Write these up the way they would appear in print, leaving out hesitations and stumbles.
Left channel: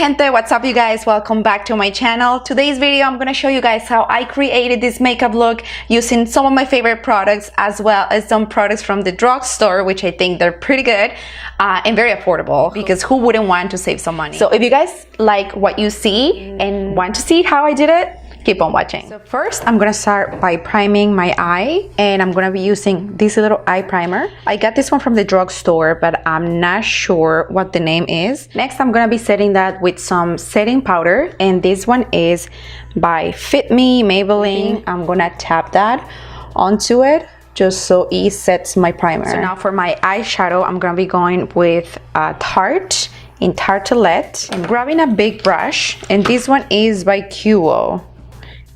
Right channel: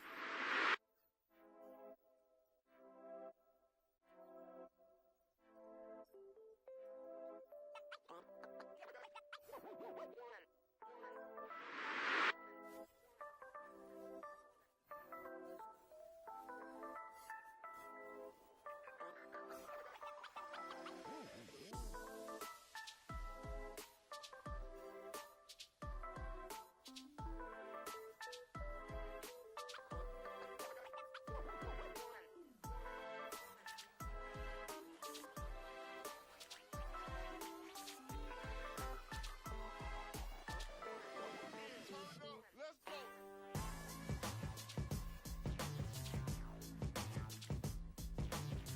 gente, what's up you guys? Welcome back to my channel. Today's video I'm gonna show you guys how I created this makeup look using some of my favorite products as well as some products from the drugstore, which I think they're pretty good and very affordable, because who wouldn't want to save some money? So if you guys like what you see and want to see how I did it, keep on watching. So first I'm gonna start by priming my eye, and I'm gonna be using this little eye primer. I got this one from the drugstore, but I'm not sure what the name is. Next I'm gonna be setting that with some setting powder, and this one is by Fit Me Maybelline. I'm gonna tap that onto it just so it sets my primer. So now for my eyeshadow, I'm gonna be going with Tarte in Tartelette. I'm grabbing a big brush, and this one is by QO.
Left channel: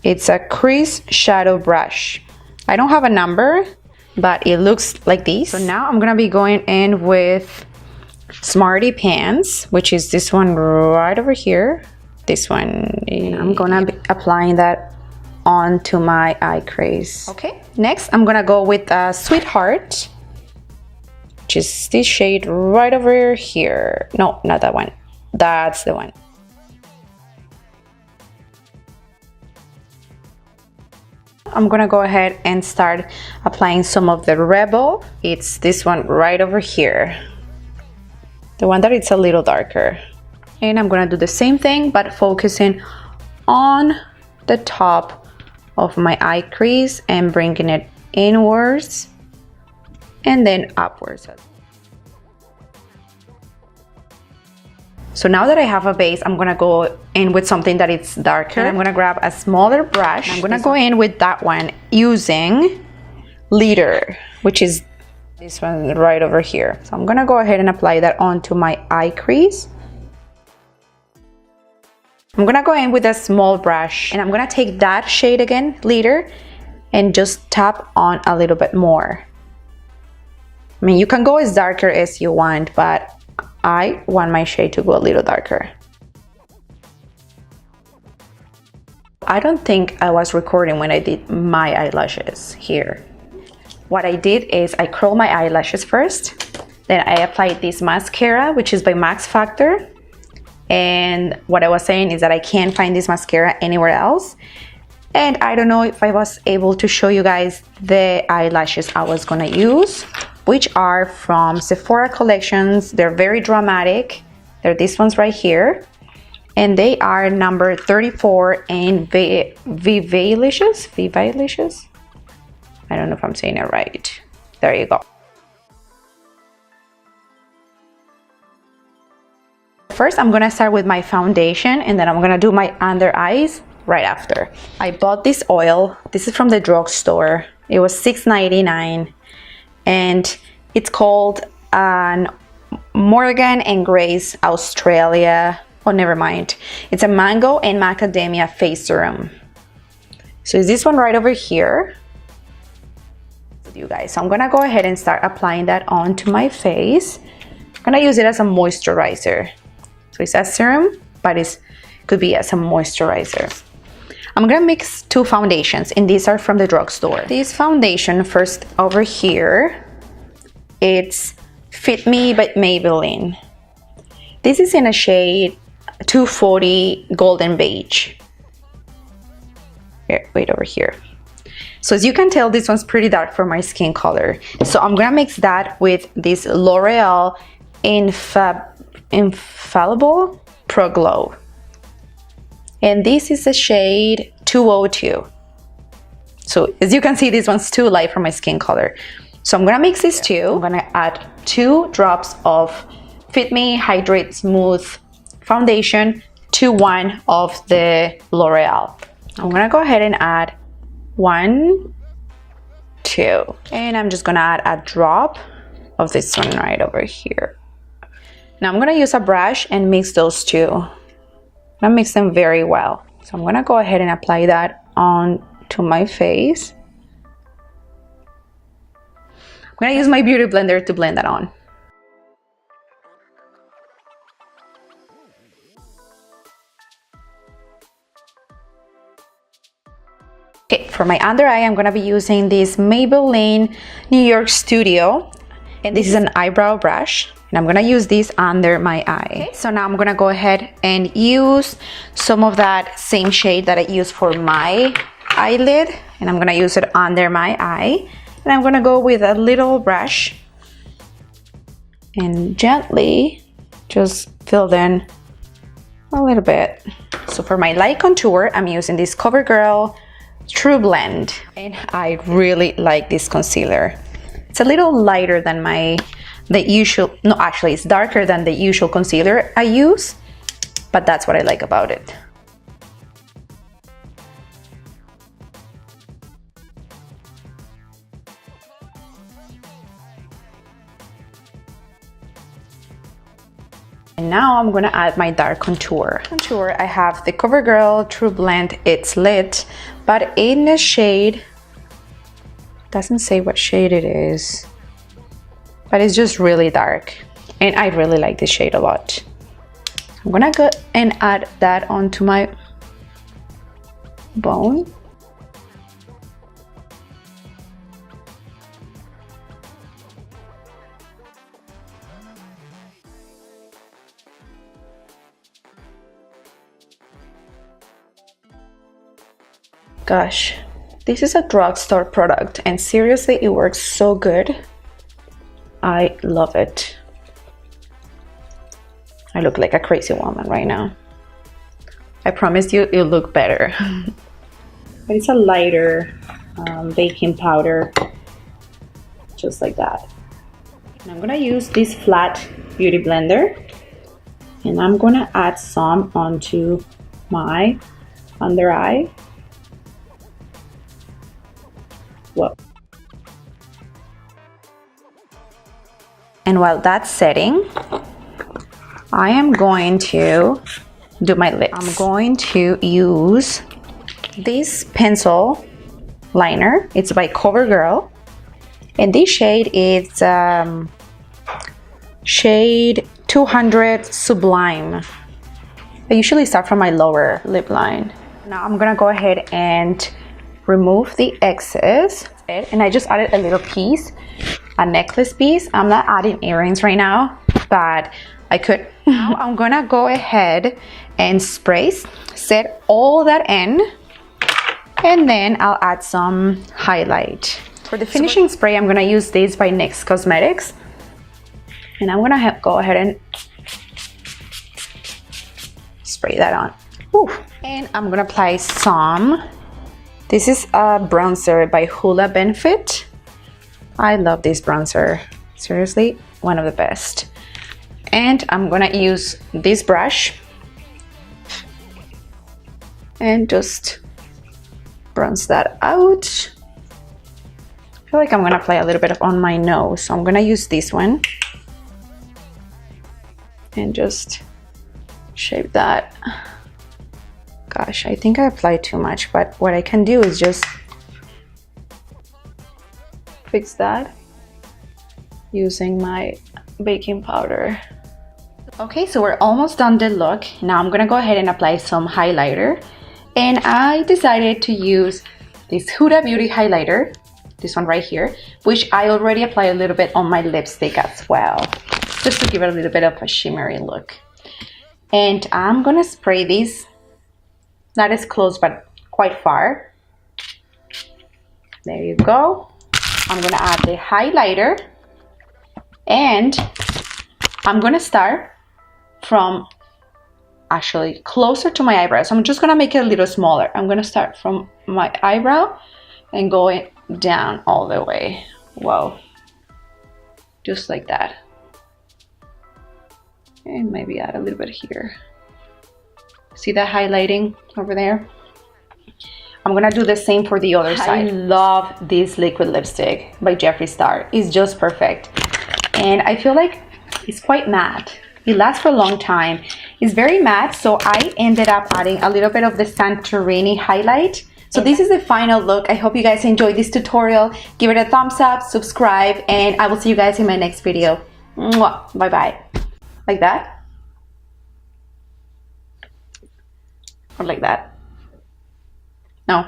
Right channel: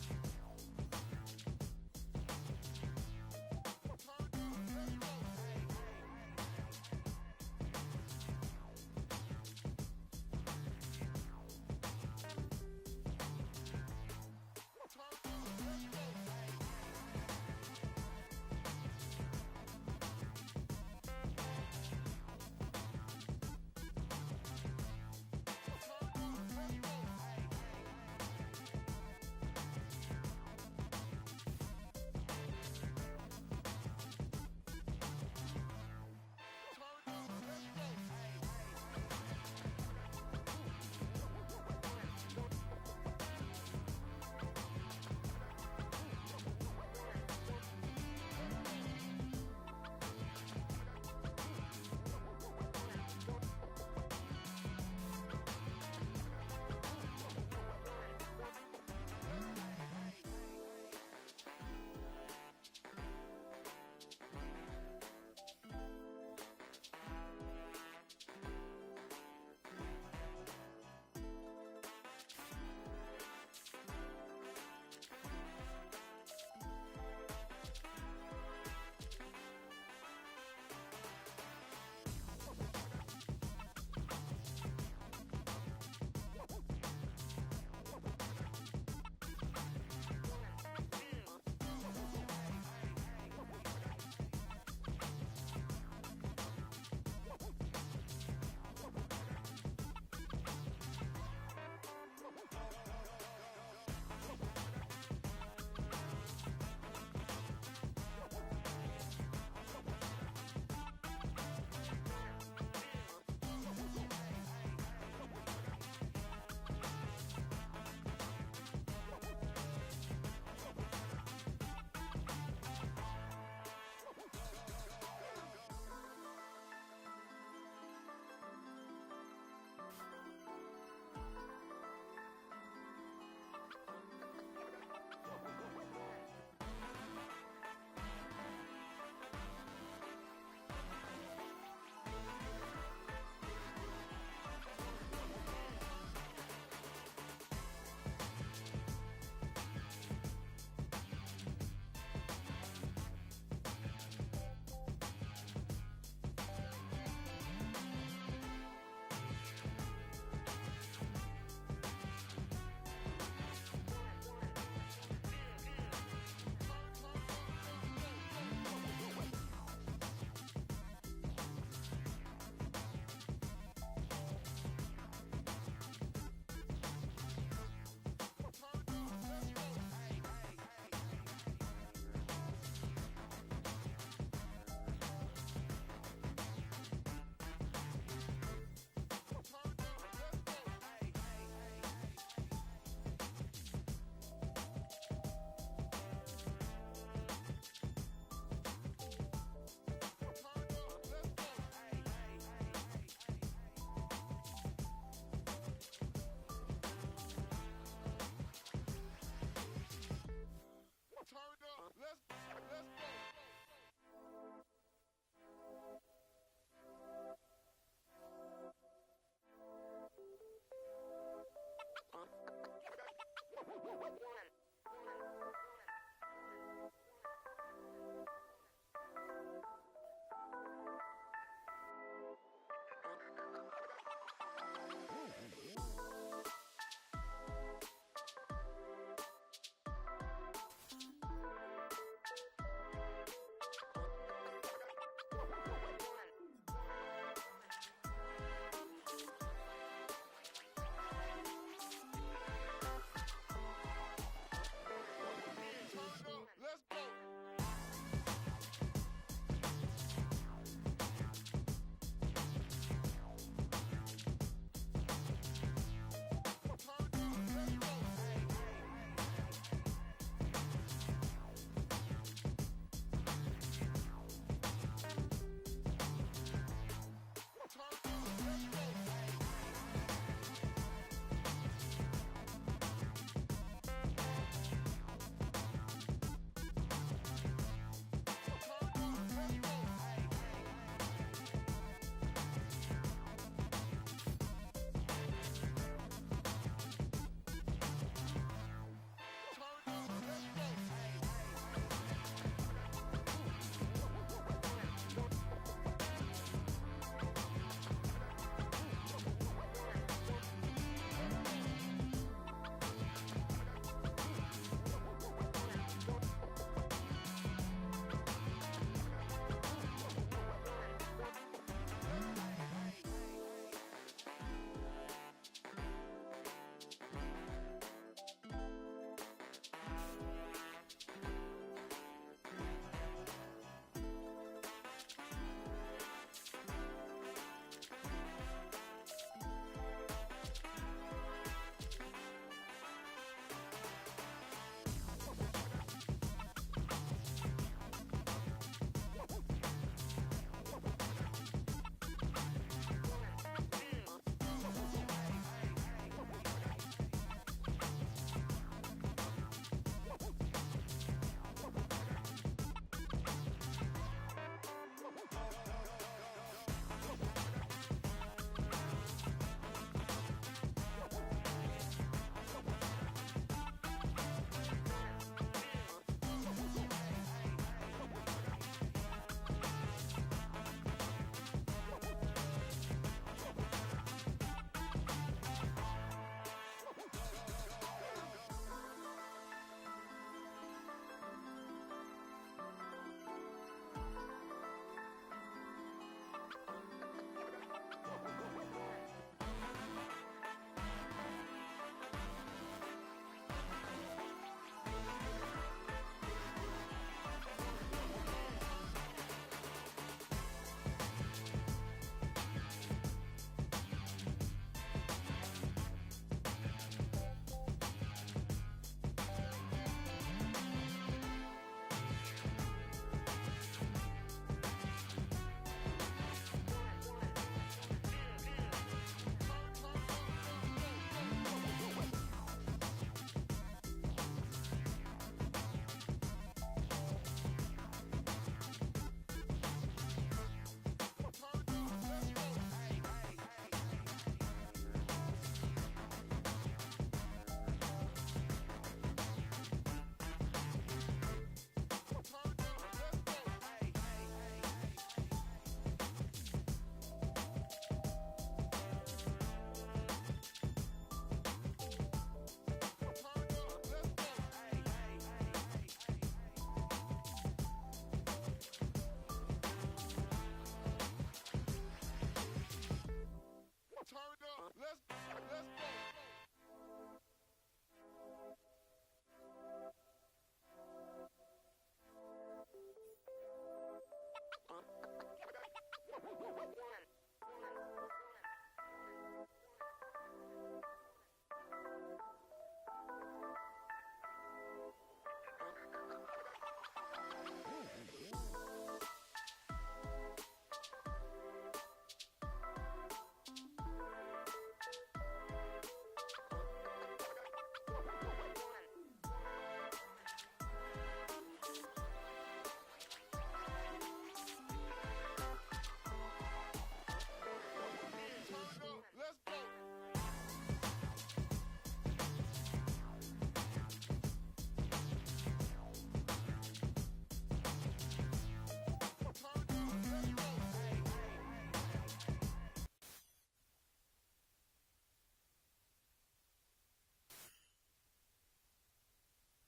It's a crease shadow brush. I don't have a number, but it looks like this. So now I'm gonna be going in with Smarty Pants, which is this one right over here. This one, I'm gonna be applying that onto my eye crease. Okay, next I'm gonna go with Sweetheart, which is this shade right over here. No, not that one. That's the one. I'm gonna go ahead and start applying some of the Rebel. It's this one right over here, the one that it's a little darker. And I'm gonna do the same thing, but focusing on the top of my eye crease and bringing it inwards and then upwards. So now that I have a base, I'm gonna go in with something that is darker. And I'm gonna grab a smaller brush. I'm gonna go in with that one using Glitter, which is this one right over here. So I'm gonna go ahead and apply that onto my eye crease. I'm gonna go in with a small brush, and I'm gonna take that shade again, Glitter, and just tap on a little bit more. I mean, you can go as darker as you want, but I want my shade to go a little darker. I don't think I was recording when I did my eyelashes here. What I did is I curled my eyelashes first, then I applied this mascara, which is by Max Factor. And what I was saying is that I can't find this mascara anywhere else. And I don't know if I was able to show you guys the eyelashes I was gonna use, which are from Sephora collections. They're very dramatic. They're these ones right here. And they are number 34 in VIVACIOUS? VIVACIOUS? I don't know if I'm saying it right. There you go. First, I'm gonna start with my foundation, and then I'm gonna do my under eyes right after. I bought this oil. This is from the drugstore. It was $6.99. And it's called Morgan and Grace Australia. Oh, never mind. It's a mango and macadamia face serum. So is this one right over here, you guys. So I'm gonna go ahead and start applying that onto my face. I'm gonna use it as a moisturizer. So it's a serum, but it could be as a moisturizer. I'm gonna mix two foundations, and these are from the drugstore. This foundation first over here, it's Fit Me by Maybelline. This is in a shade 240 Golden Beige. Here, wait, over here. So as you can tell, this one's pretty dark for my skin color. So I'm gonna mix that with this L'Oreal Infallible Pro Glow. And this is the shade 202. So as you can see, this one's too light for my skin color. So I'm gonna mix these two. I'm gonna add 2 drops of Fit Me Hydrate Smooth Foundation to 1 of the L'Oreal. I'm gonna go ahead and add 1, 2. And I'm just gonna add a drop of this one right over here. Now I'm gonna use a brush and mix those two. I'm gonna mix them very well. So I'm gonna go ahead and apply that on to my face. I'm gonna use my beauty blender to blend that on. Okay, for my under eye, I'm gonna be using this Maybelline New York Studio. And this is an eyebrow brush, and I'm gonna use this under my eye. Okay, so now I'm gonna go ahead and use some of that same shade that I use for my eyelid, and I'm gonna use it under my eye. And I'm gonna go with a little brush and gently just fill in a little bit. So for my light contour, I'm using this COVERGIRL TRUBLEND, and I really like this concealer. It's a little lighter than the usual, no, actually it's darker than the usual concealer I use, but that's what I like about it. And now I'm gonna add my dark contour. I have the COVERGIRL TRUBLEND. It's lit, but in the shade, doesn't say what shade it is, but it's just really dark, and I really like this shade a lot. I'm gonna go and add that onto my bone. Gosh, this is a drugstore product, and seriously, it works so good. I love it. I look like a crazy woman right now. I promise you, it'll look better. But it's a lighter baking powder, just like that. And I'm gonna use this flat beauty blender, and I'm gonna add some onto my under eye. Whoa. And while that's setting, I am going to do my lips. I'm going to use this pencil liner. It's by COVERGIRL, and this shade is shade 200 Sublime. I usually start from my lower lip line. Now I'm gonna go ahead and remove the excess, and I just added a little piece, a necklace piece. I'm not adding earrings right now, but I could. Now I'm gonna go ahead and set all that in, and then I'll add some highlight. For the finishing spray, I'm gonna use this by NYX Cosmetics, and I'm gonna go ahead and spray that on. Whew. And I'm gonna apply some. This is a bronzer by HOOLA Benefit. I love this bronzer. Seriously, one of the best. And I'm gonna use this brush and just bronze that out. I feel like I'm gonna apply a little bit on my nose, so I'm gonna use this one and just shape that. Gosh, I think I applied too much, but what I can do is just fix that using my baking powder. Okay, so we're almost done the look. Now I'm gonna go ahead and apply some highlighter, and I decided to use this Huda Beauty highlighter, this one right here, which I already applied a little bit on my lipstick as well, just to give it a little bit of a shimmery look. And I'm gonna spray this, not as close, but quite far. There you go. I'm gonna add the highlighter, and I'm gonna start from actually closer to my eyebrow. So I'm just gonna make it a little smaller. I'm gonna start from my eyebrow and going down all the way. Whoa. Just like that. And maybe add a little bit here. See that highlighting over there? I'm gonna do the same for the other side. I love this liquid lipstick by Jeffree Star. It's just perfect. And I feel like it's quite matte. It lasts for a long time. It's very matte, so I ended up adding a little bit of the Santorini highlight. So this is the final look. I hope you guys enjoyed this tutorial. Give it a thumbs up, subscribe, and I will see you guys in my next video. Mwah. Bye-bye. Like that? Or like that? No?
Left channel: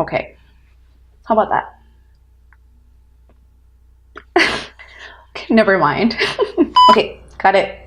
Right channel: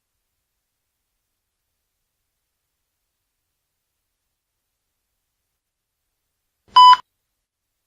Okay. How about that? Never mind. Okay, got it.